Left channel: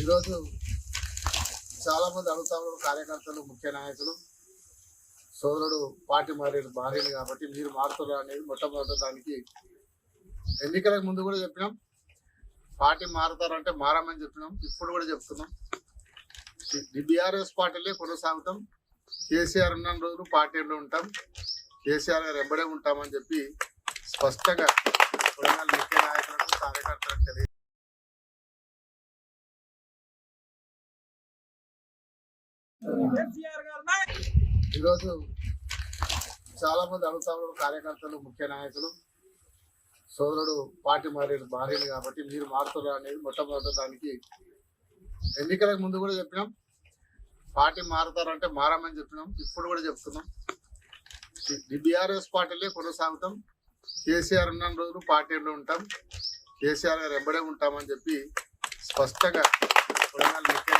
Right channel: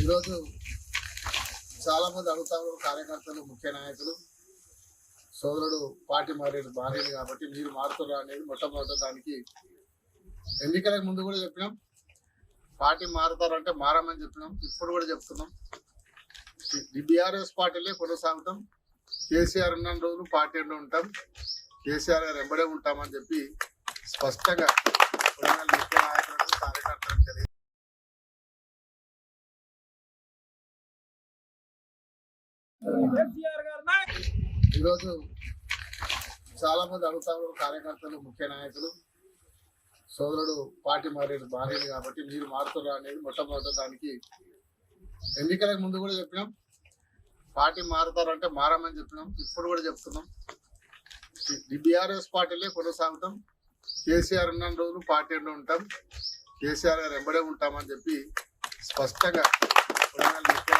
ఈరోజు చాలా మంది అడుగుతా ఉన్నారు కార్యకర్తలు ముఖ్య నాయకులు. సోదరుడు పార్టీ మారేడు మారేడు కాబట్టి మీరు మారుతున్నారు అనేది మొట్టమొదటి దానికి ఎన్నికలకు ముందు కూడా చెప్పినాం. పార్టీ మారుతారంటే మారమని చెప్పినాం. ఇప్పుడు కూడా చెప్తున్నాం. బీఆర్ఎస్ పార్టీలే కొనసాగుతాం. కేసీఆర్ ఉన్న రోజులు పార్టీలో ఉంటాం. కేసీఆర్ గారు వెంబడే ఉంటామని చెప్పి స్పష్టంగా ముఖ్య నాయకులకు కార్యకర్తలకు తెలియ ఈరోజు చాలా మంది అడుగుతా కార్యకర్తలు ముఖ్య నాయకులు. సోదరుడు పార్టీ మారేడు మారేడు కాబట్టి మీరు మారుతున్నారు అనేది మొట్టమొదటి దానికి ఎన్నికలకు ముందు కూడా చెప్పినాం. పార్టీ మారుతారంటే మారమని చెప్పినాం. ఇప్పుడు కూడా చెప్తున్నాం. బీఆర్ఎస్ పార్టీలే కొనసాగుతాం. కేసీఆర్ ఉన్న రోజులు పార్టీలో ఉంటాం. కేసీఆర్ గారు వెంబడే ఉంటామని చెప్పి స్పష్టంగా కొడంగల్ ముఖ్య